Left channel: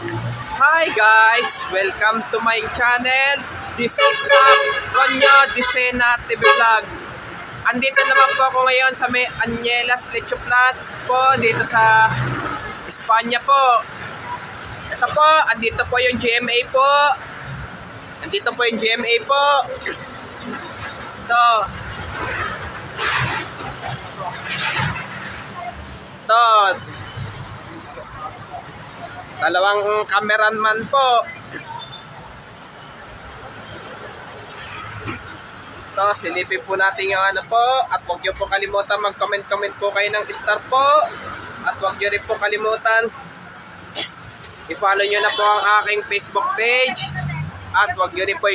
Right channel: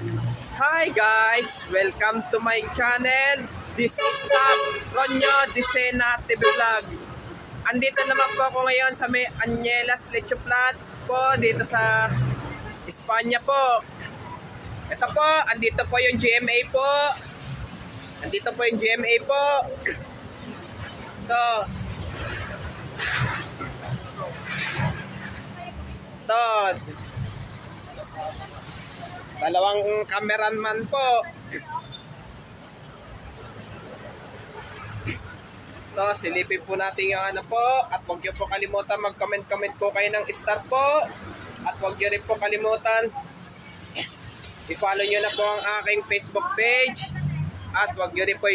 Hi guys! Welcome to my channel. This is Tonyo Dicena TV Vlog. Andito naman po ako ngayon sa may Angelas Leche Plat po dito sa Espanya po. Ito po, andito po yung GMA po. Andito po yung GMA po. Ito. Ito. Dalawang cameraman po. So, silipin po natin yung ano po. At huwag nyo po kalimutan mag-comment po kayo ng star po. At huwag nyo rin po kalimutan i-follow nyo na po ang aking Facebook page. At huwag nyo rin po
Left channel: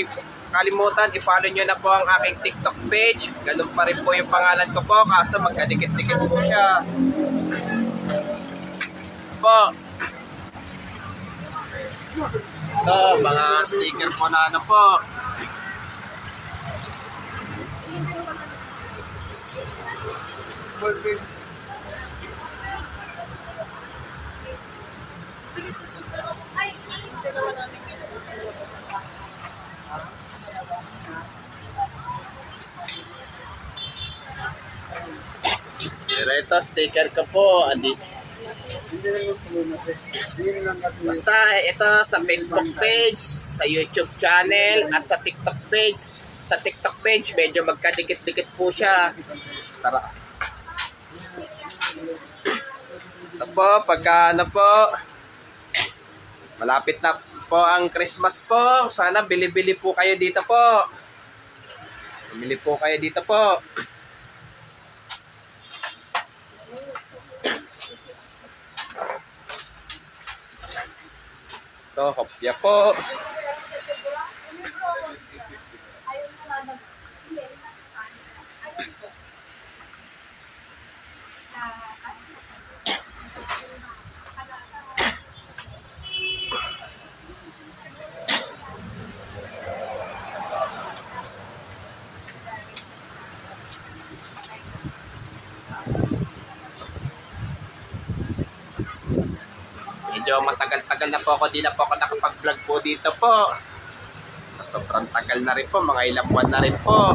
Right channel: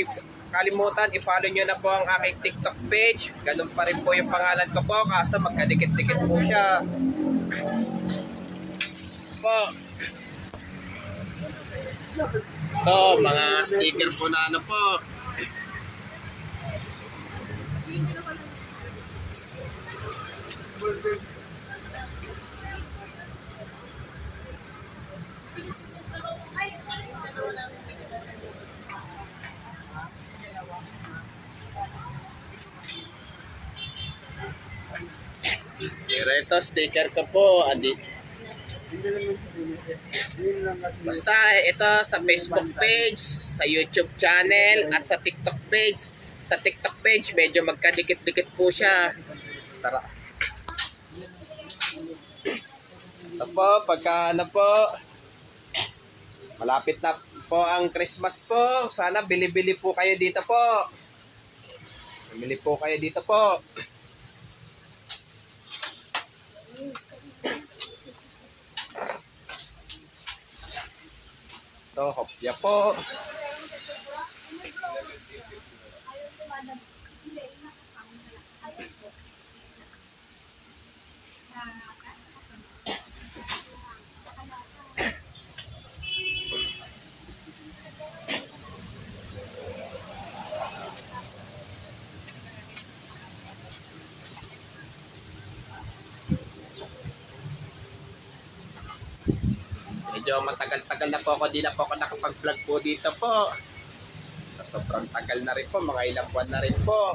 kalimutan i-follow nyo na po ang aking TikTok page. Ganun pa rin po yung pangalan ko po. Kaso magkadikit-dikit po siya po. So, mga sticker po na ano po. Pero ito, sticker ka po. Basta ito sa Facebook page, sa YouTube channel, at sa TikTok page. Sa TikTok page, medyo magkadikit-dikit po siya. Tara. Ito po, pagka ano po, malapit na po ang Christmas po. Sana bili-bili po kayo dito po. Bili po kayo dito po. Ito, hopya po. Medyo matagal-tagal na po ako, di na po ako nakapag-vlog po dito po. So, sobrang tagal na rin po, mga ilang buwan na rin po.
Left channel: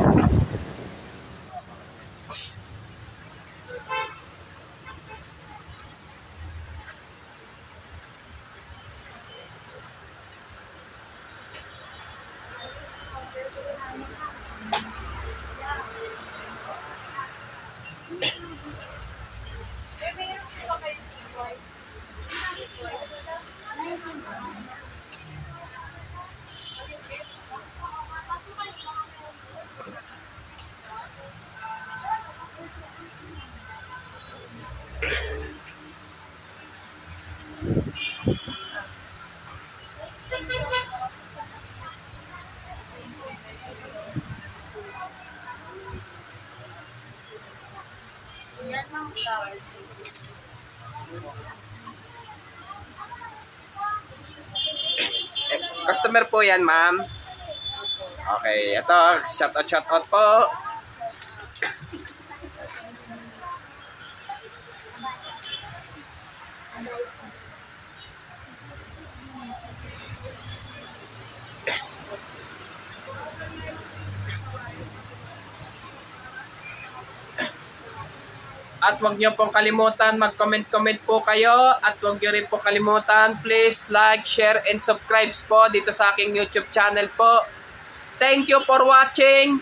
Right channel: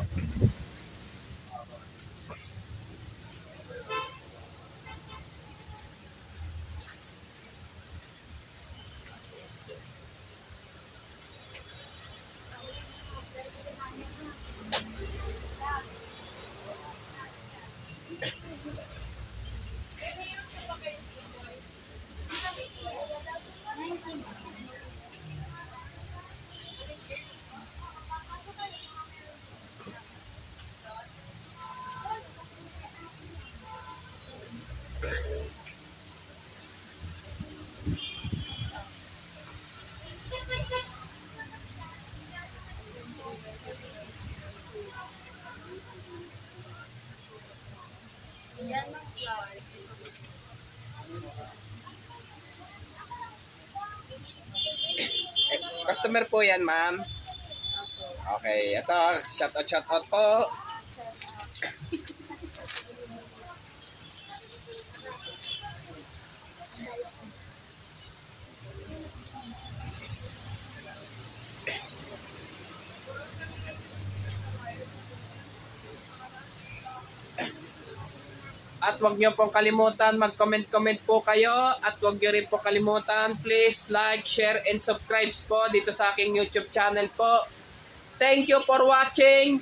Yan ang flower. Customer po yan, ma'am. Okay, ito, shoutout po. At huwag niyo pong kalimutan mag-comment po kayo. At huwag niyo rin po kalimutan, please like, share, and subscribe po dito sa aking YouTube channel po. Thank you for watching.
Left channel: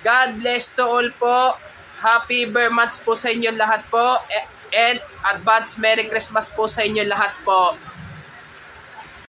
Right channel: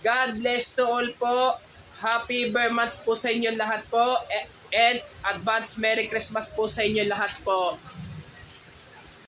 God bless to all po. Happy Vermonths po sa inyo lahat po. And advance Merry Christmas po sa inyo lahat po.